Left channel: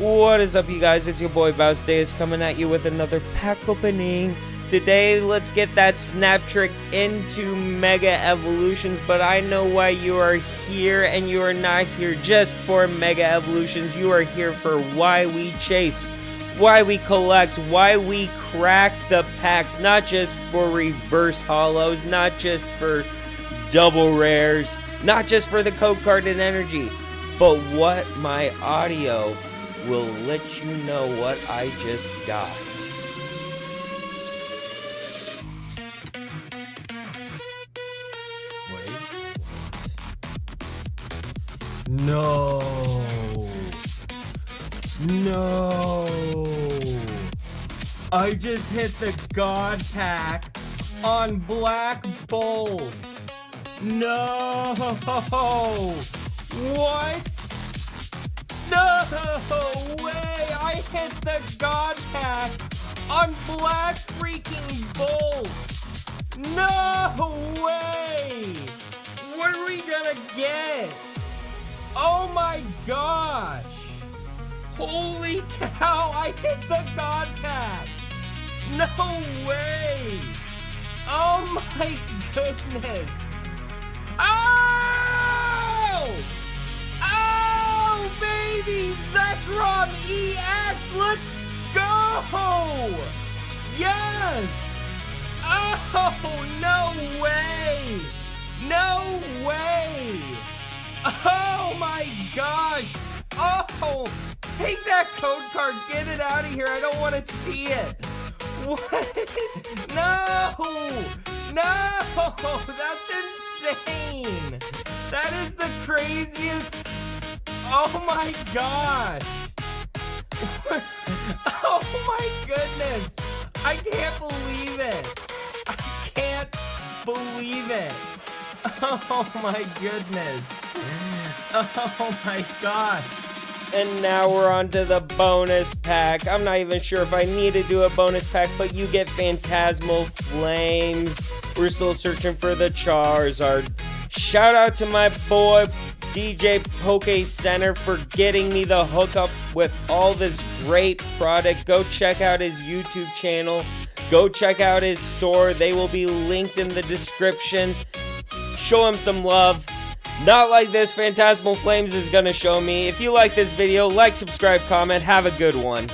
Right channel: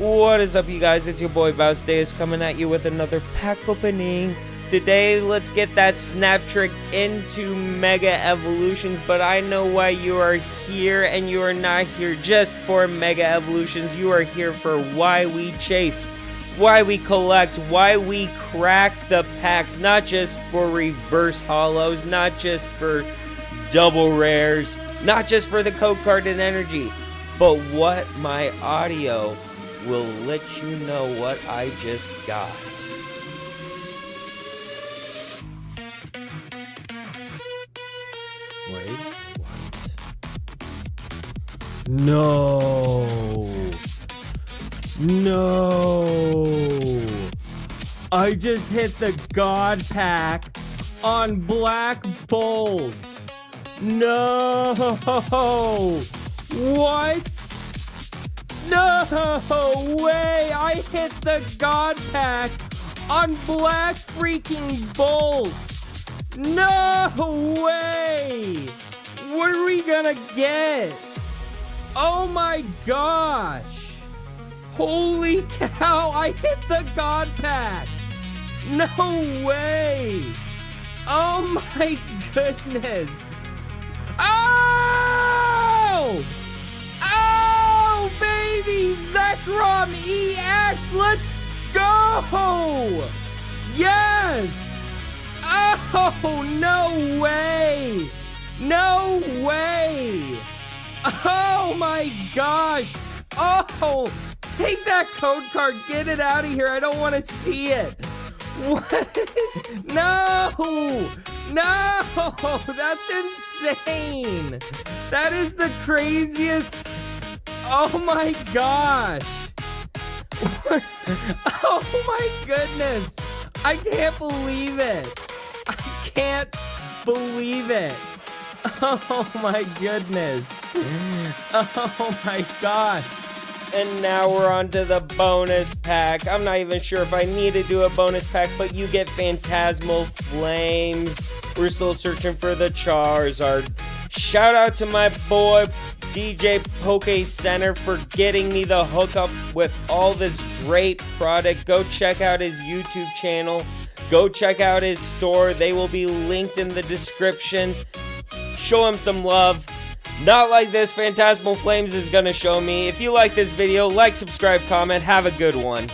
What is up, you guys? It's your boy Bousdays coming at you with another pack opening. Today, let's get that snap trick into Mega Evolutions, but I know why you are here, and you are not here just for Mega Evolutions. You are here for why we chase, why we collect, why we crack the packs, not just for reverse holos, not just for double rares, not just for the code card and energy, but what my audio will let you know what I just got. Wait. No. I just hit the God pack on Black Bolt. No. What? No way! I hit the God pack on Black freaking Bolt! No way! What are we gonna get? Oh my gosh! Holy cow! I hit the God pack! No way! Oh my goodness! Oh! Baby, Zekrom EX, let's go! Yes! Oh, no way! No way! Oh my gosh! Oh, take that code card, get it out of here, I don't want to see it! What? No! No! That's insane! That is the craziest... Oh my gosh! Oh my goodness! I can't believe it! I can't believe it! Oh my goodness! Oh my gosh! And now we're on to the bonus pack. I'm not even sure if I need to do a bonus pack, but you get Phantasmal Flames. We're still searching for the Charizard. Shout out to my boy DjsPokeCenter for getting me the hookup with all this great product. Go check out his YouTube channel. Go check out his store. They will be linked in the description. Show him some love. Not like this Phantasmal Flames is gonna show me. If you like this video, like, subscribe, comment. Have a good one.